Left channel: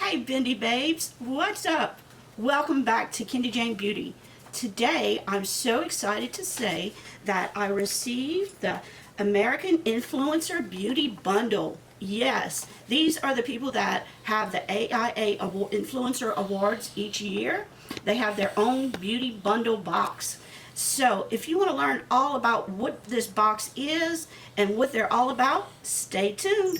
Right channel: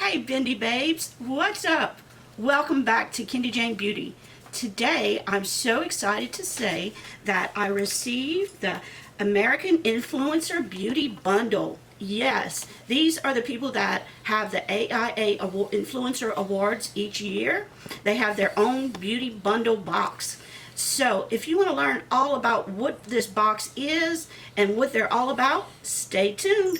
Hey Bindi babes, what's up? Welcome back to Kendy Jane Beauty. Today I'm so excited to say that I received the American Influencer Beauty Bundle. Yes, these are the people that have the AIA Influencer Awards each year. They have their own beauty bundle box. So if you want to learn all about what this box is and what they're all about, stay tuned.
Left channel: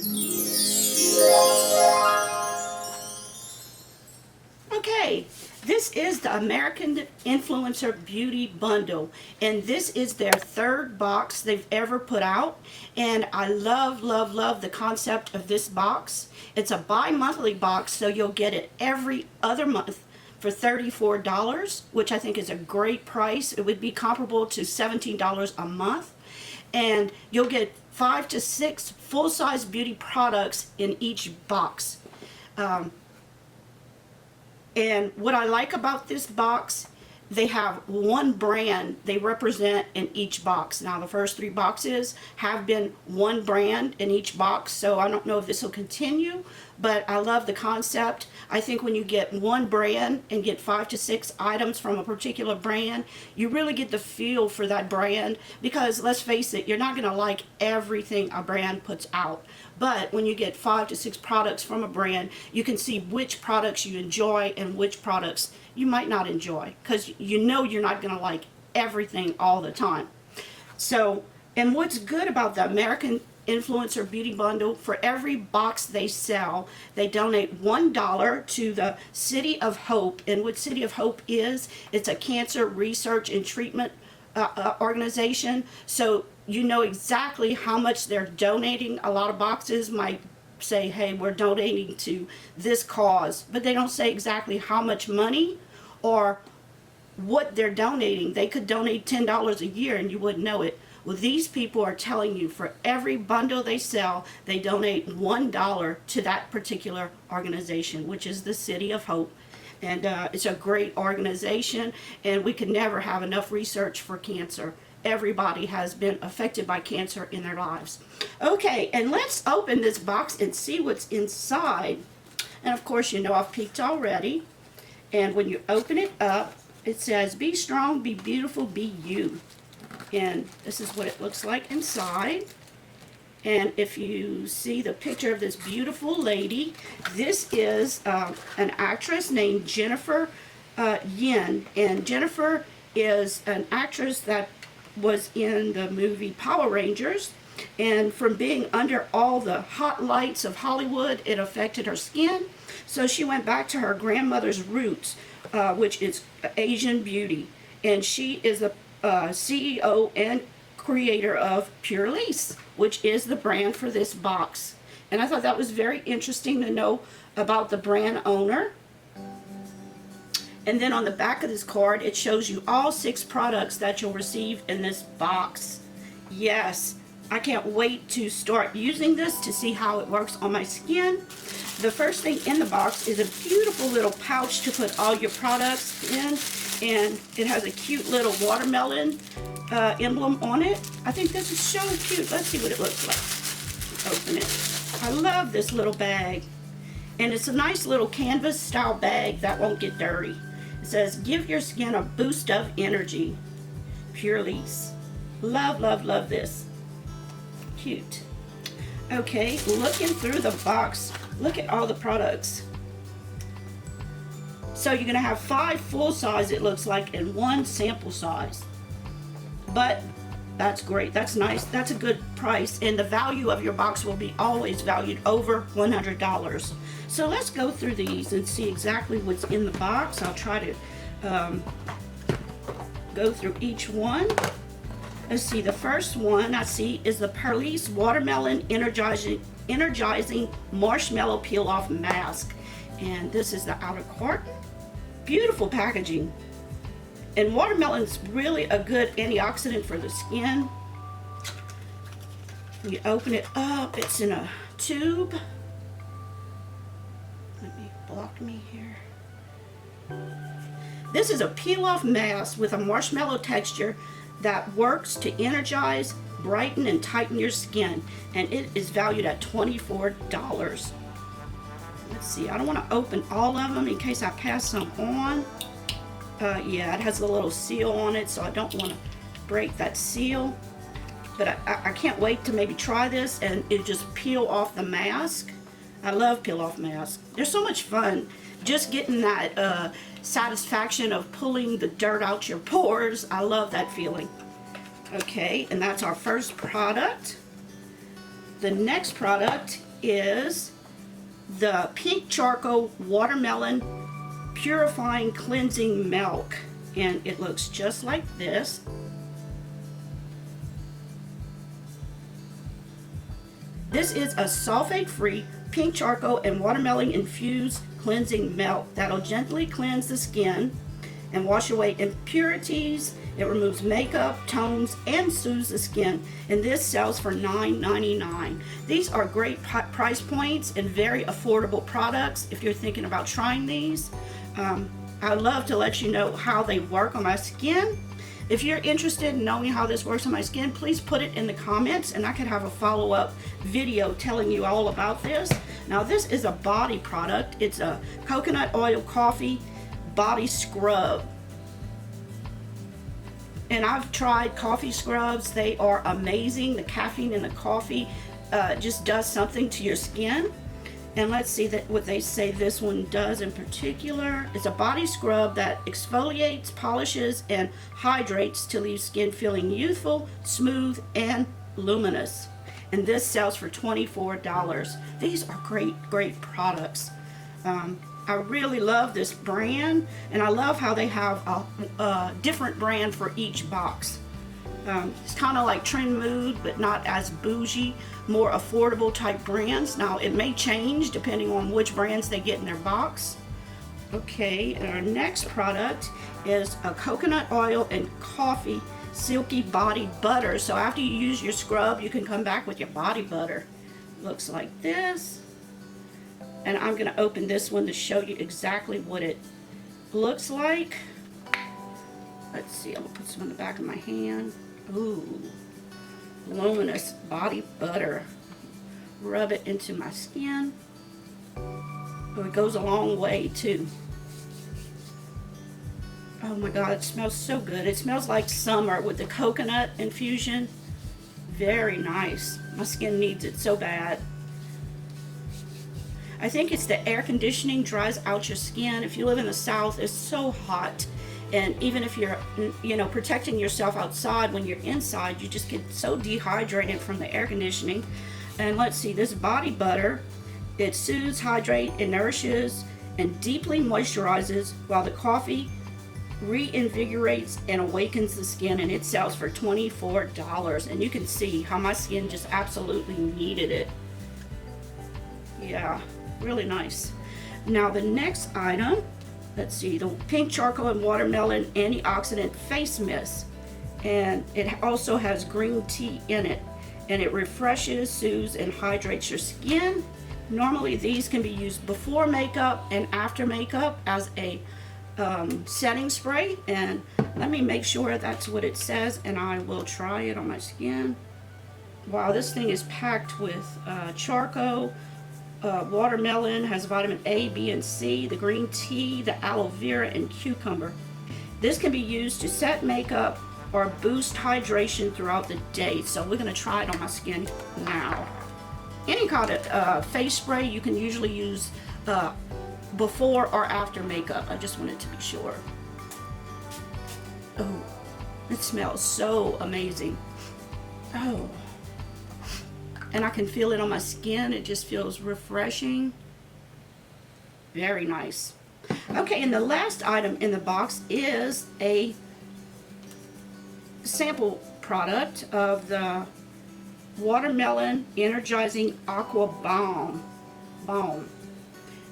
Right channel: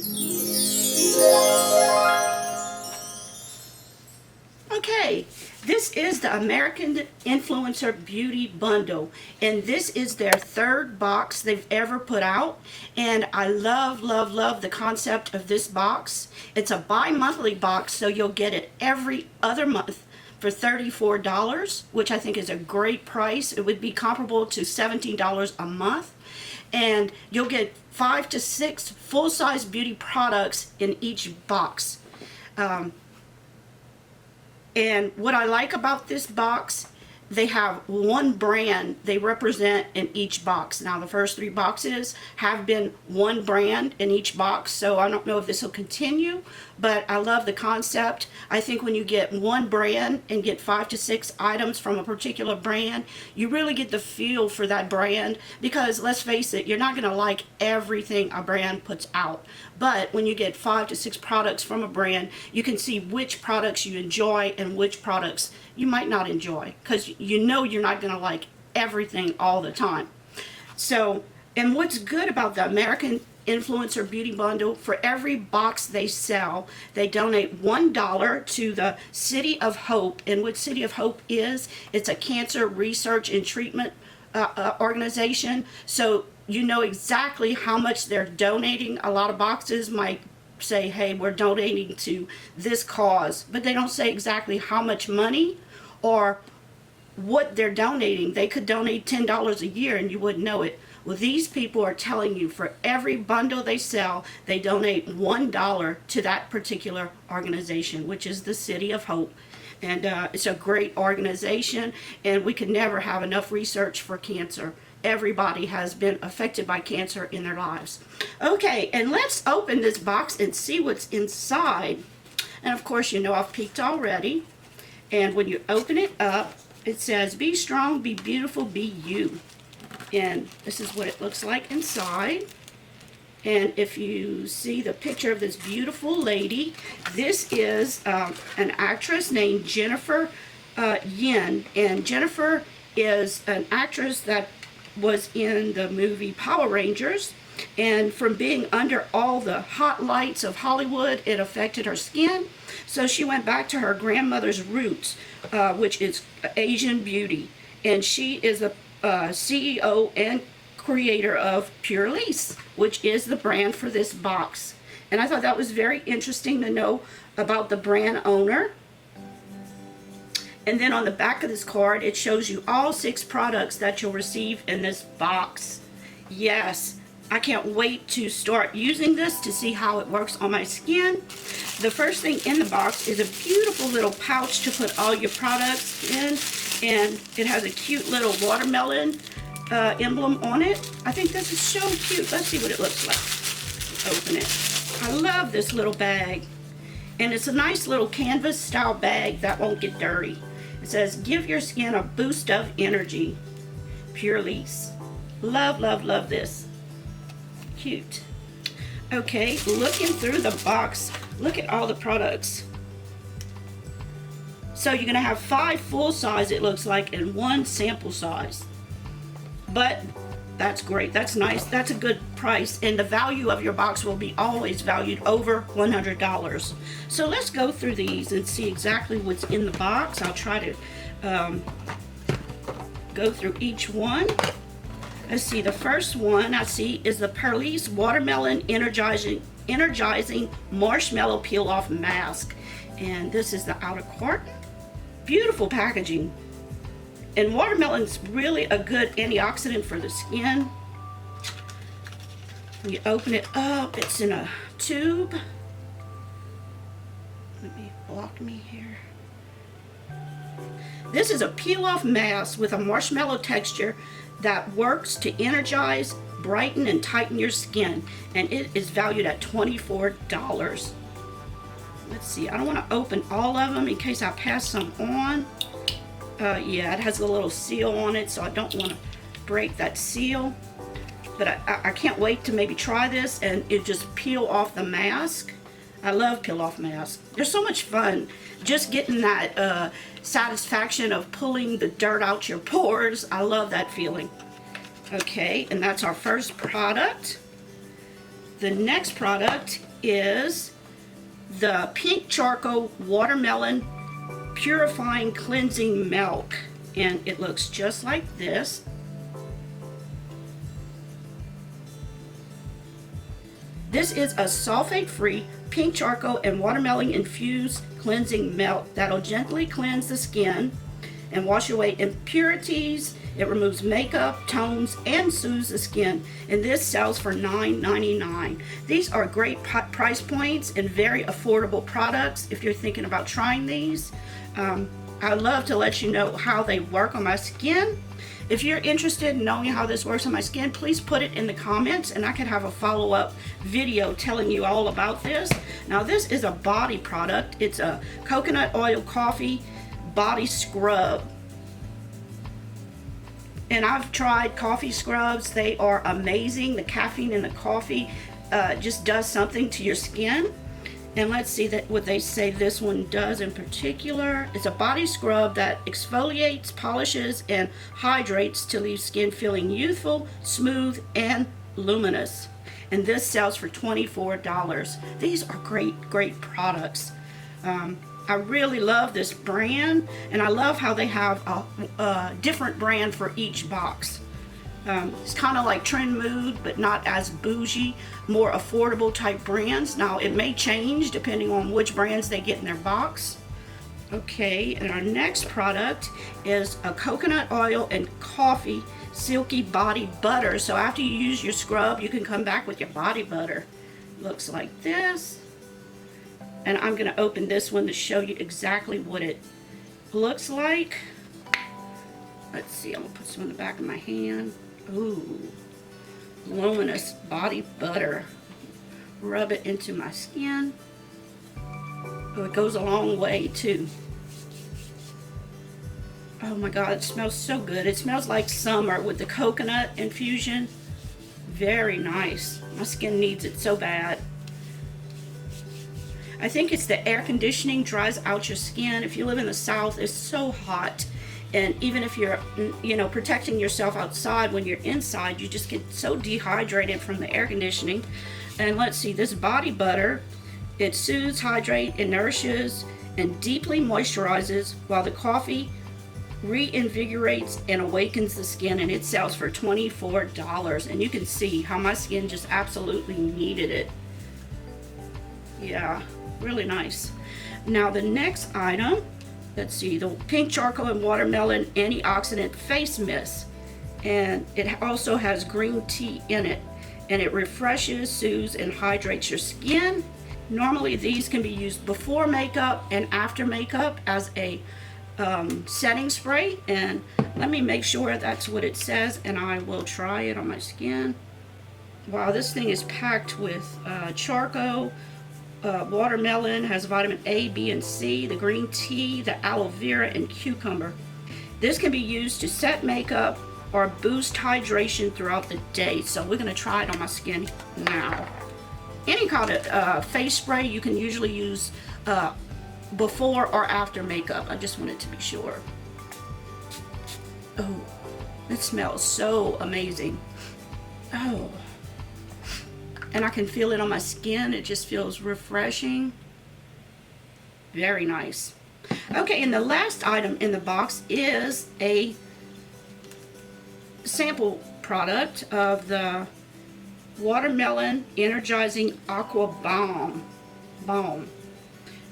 Okay, this is the American Influencer Beauty Bundle, and this is their third box they've ever put out, and I love the concept of this box. It's a bi-monthly box, so you'll get it every other month for $34, which I think is a great price. It would be comparable to $17 a month, and you'll get 5 to 6 full-size beauty products in each box. And what I like about this box, they have one brand they represent in each box. Now the first 3 boxes have been one brand in each box, so I don't know if this will continue, but I love the concept. I think when you get one brand and get 5 to 6 items from a particular brand, you really get the feel for that brand, because let's face it, you're not going to like everything a brand puts out. But when you get 5 to 6 products from a brand, you can see which products you enjoy and which products you might not enjoy, because you know you're not going to like everything all the time. So, and what's good about the American Influencer Beauty Bundle, for every box they sell, they donate $1 to the City of Hope. And what City of Hope is, it's a cancer research and treatment organization. So you know exactly how much they're donating. A lot of boxes might say, hey, we're donating to this cause, but they don't say exactly how much money or what they're donating. They could donate $10 a year and you wouldn't know it. Well, these people are telling you for every bundle they sell, they donate $1 to that particular organization, which is the City of Hope. And it's a great organization, and we can never have enough research for cancer. Everybody has been affected by cancer in their lives. Okay, and let's open this box and see what's inside. And of course, you know I've peeked already. And when you open it up, it says, be strong, be beautiful, be you. And this is what it looks like inside. And if you see the picture of this beautiful lady, this is an actress named Jennifer Yen. And Jennifer is an actress that was in the movie Power Rangers. And from being under all the hot lights of Hollywood, it affected her skin. So she went back to her grandmother's roots, which is Asian beauty. And she is a CEO and creator of Pure Lace, which is the brand for this box. And I thought that was very interesting to know about the brand owner. And then on the back of this card, it shows you all 6 products that you'll receive in this box. Yes, I can't wait to start using this to see how it works on my skin. The first thing in the box is a beautiful little pouch to put all your products in. And it has a cute little watermelon emblem on it. I think this is so cute. Let's see what it looks like. Open it. I love this little bag. And it's a nice little canvas style bag that won't get dirty. It says, give your skin a boost of energy. Pure Lace. Love this. Cute. Okay, looking through the box, look at all the products. So you're going to have 5 full size, it looks like, and 1 sample size. But that's great. That's nice. That's a good price. And the value of your box will be always valued over $100. So let's go through these and see exactly what's in the box. I'll try to go through each one. Let's see. The first one I see is the Perlice Watermelon Energizing Marshmallow Peel Off Mask. And this is the outer carton. Beautiful packaging. And watermelon is really a good antioxidant for the skin. When you open it up, it's in a tube. Let me block me here. This is a peel-off mask with a marshmallow texture that works to energize, brighten, and tighten your skin. And it is valued at $24. Let's see, I don't want to open all of them in case I pass some on. Yeah, it has a little seal on it, so I don't want to break that seal. But I can't wait to maybe try this and it just peel off the mask. I love peel off masks. They're so much fun. Just getting that satisfaction of pulling the dirt out your pores. I love that feeling. Okay, and that's our first product. The next product is the Pink Charcoal Watermelon Purifying Cleansing Milk. And it looks just like this. This is a sulfate-free pink charcoal and watermelon infused cleansing milk that'll gently cleanse the skin and wash away impurities. It removes makeup, tones, and soothes the skin. And this sells for $9.99. These are great price points and very affordable products if you're thinking about trying these. I'd love to let you know how they work on my skin. If you're interested in knowing how this works on my skin, please put it in the comments and I can have a follow-up video telling you all about this. Now this is a body product. It's a coconut oil coffee body scrub. And I've tried coffee scrubs. They are amazing. The caffeine in the coffee just does something to your skin. And let's see what they say this one does in particular. It's a body scrub that exfoliates, polishes, and hydrates to leave skin feeling youthful, smooth, and luminous. And this sells for $24. These are great products. I really love this brand, and I love how they have a different brand for each box. It's kind of like Trend Mood, but not as bougie, more affordable type brands. Now it may change depending on which brands they get in their box. Okay, and our next product is a coconut oil and coffee silky body butter. So after you use your scrub, you can come back with your body butter. Looks like this. And I'm going to open this one to show you exactly what it looks like. Let's see, I'll put some in the back of my hand. Ooh, luminous body butter. Rub it into my skin. Oh, it goes a long way too. Oh my God, it smells so good. It smells like summer with the coconut infusion. Very nice. My skin needs it so bad. I think it's the air conditioning dries out your skin. If you live in the South, it's so hot. And even if you're, protecting yourself outside, when you're inside, you just get so dehydrated from the air conditioning. And let's see, this body butter, it soothes, hydrates, and nourishes, and deeply moisturizes, while the coffee reinvigorates and awakens the skin. And it sells for $24. And you can see how my skin just absolutely needed it. Yeah, really nice. Now the next item, let's see, the Pink Charcoal and Watermelon Antioxidant Face Mist. And it also has green tea in it. And it refreshes, soothes, and hydrates your skin. Normally these can be used before makeup and after makeup as a setting spray. And let me make sure that's what it says, and I will try it on my skin. Wow, this thing is packed with charcoal, watermelon, has vitamin A, B, and C, the green tea, the aloe vera, and cucumber. This can be used to set makeup or boost hydration throughout the day. So we're going to try it on my skin now. Any kind of face spray you can usually use before or after makeup. I just wanted to be sure. Oh, it smells so amazing. Oh. And I can feel it on my skin. It just feels refreshing. Very nice. Okay, and the last item in the box is a sample product of the Watermelon Energizing Aqua Balm.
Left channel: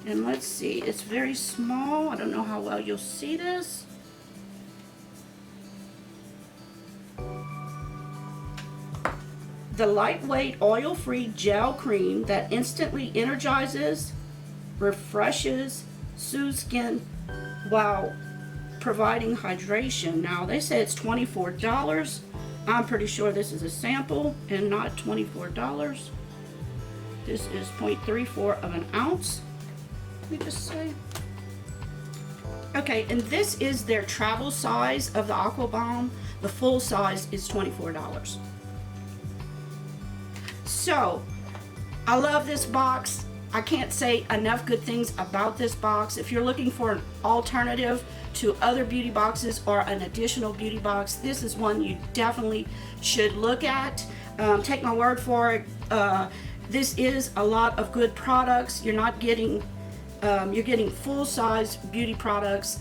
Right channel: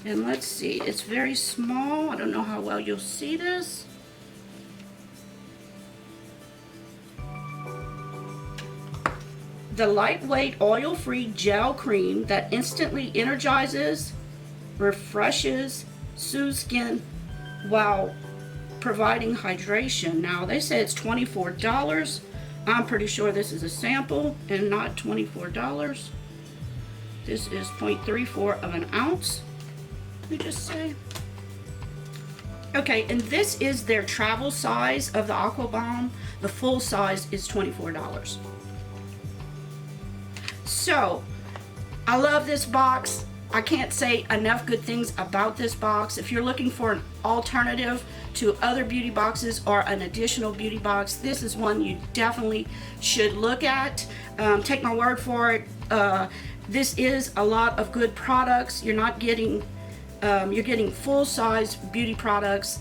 And let's see, it's very small. I don't know how well you'll see this. The lightweight oil-free gel cream that instantly energizes, refreshes, soothes skin while providing hydration. Now they say it's $24. I'm pretty sure this is a sample and not $24. This is 0.34 of an ounce. Let me just say. Okay, and this is their travel size of the Aqua Bomb. The full size is $24. So, I love this box. I can't say enough good things about this box. If you're looking for an alternative to other beauty boxes or an additional beauty box, this is one you definitely should look at. Take my word for it. This is a lot of good products. You're not getting, you're getting full-size beauty products.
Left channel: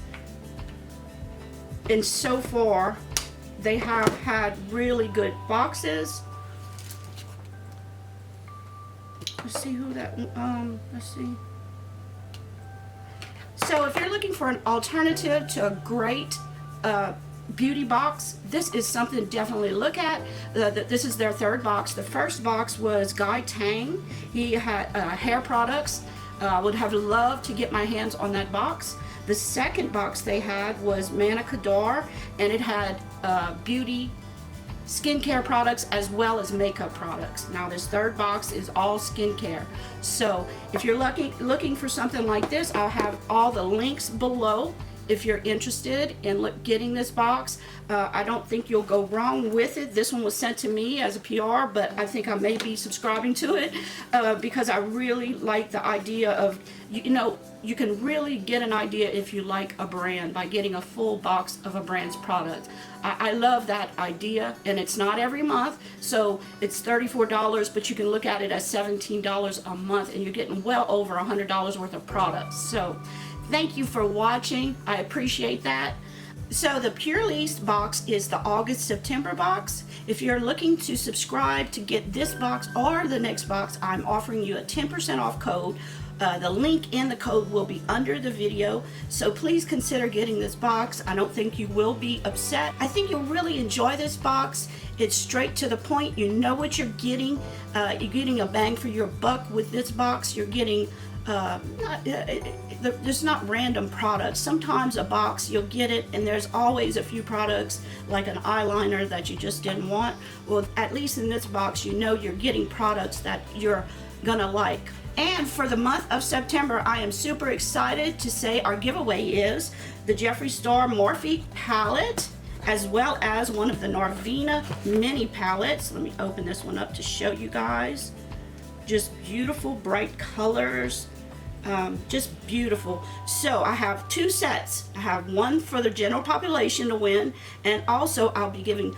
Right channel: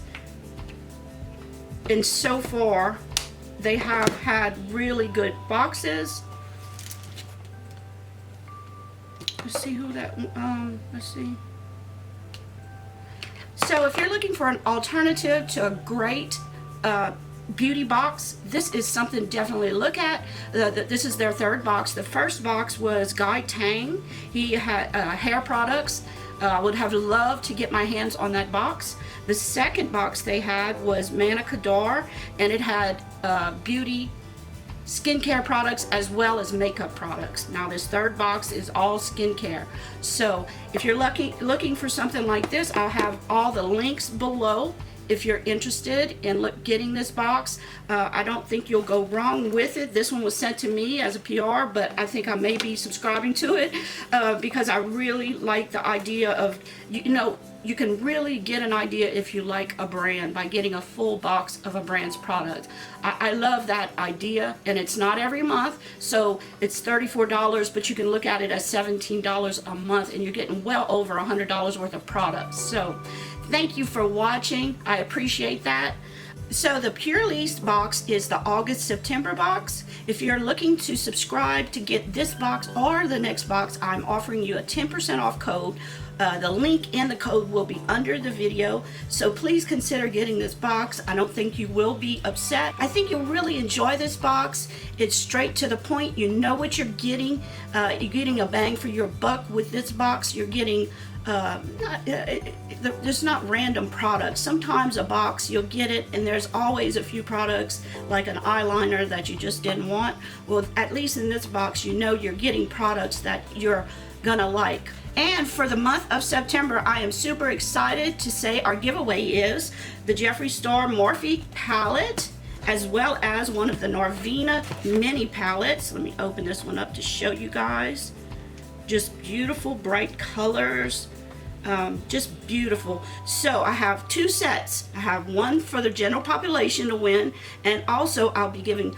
And so far, they have had really good boxes. Let's see who that, let's see. So if you're looking for an alternative to a great beauty box, this is something definitely to look at. This is their third box. The first box was Guy Tang. He had hair products. I would have loved to get my hands on that box. The second box they had was Manica D'Or, and it had beauty skincare products as well as makeup products. Now this third box is all skincare. So if you're looking for something like this, I'll have all the links below if you're interested in getting this box. I don't think you'll go wrong with it. This one was sent to me as a PR, but I think I may be subscribing to it because I really like the idea of, you know, you can really get an idea if you like a brand by getting a full box of a brand's product. I love that idea, and it's not every month, so it's $34, but you can look at it as $17 a month, and you're getting well over $100 worth of products. So thank you for watching. I appreciate that. So the Purely's box is the August-September box. If you're looking to subscribe to get this box or the next box, I'm offering you a 10% off code. The link and the code will be under the video, so please consider getting this box. I don't think you will be upset. I think you'll really enjoy this box. It's straight to the point. You know what you're getting. You're getting a bang for your buck with this box. You're getting there's not random products. Sometimes a box, you'll get it and there's always a few products like an eyeliner that you just didn't want. Well, at least in this box, you know you're getting products that you're gonna like. And for the month of September, I am super excited to say our giveaway is the Jeffree Star Morphe palette, as well as one of the Norvina mini palettes. Let me open this one up to show you guys. Just beautiful bright colors. Just beautiful. So I have two sets. I have one for the general population to win, and also I'll be giving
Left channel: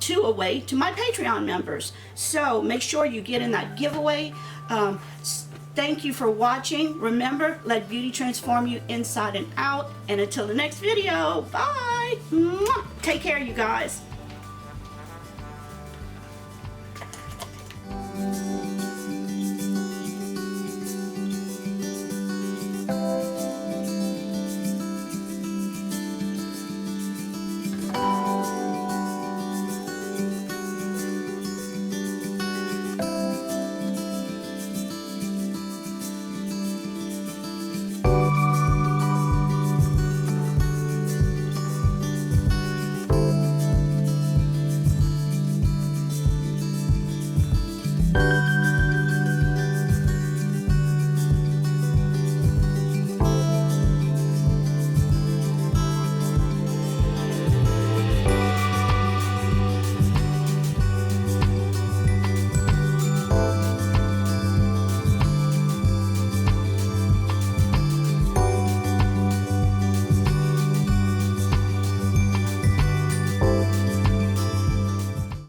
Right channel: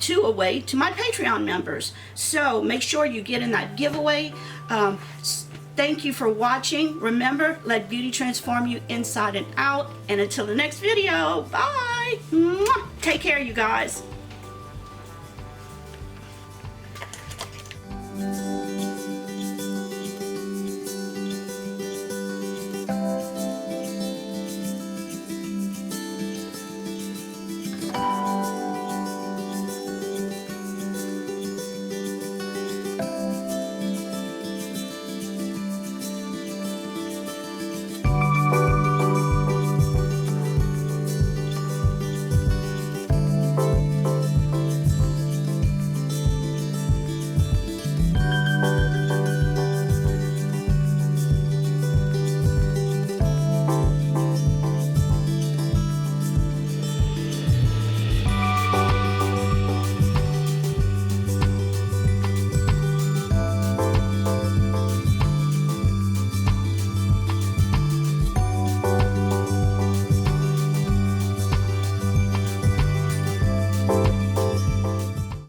two away to my Patreon members. So make sure you get in that giveaway. Thank you for watching. Remember, let beauty transform you inside and out. And until the next video, bye. Mwah. Take care, you guys.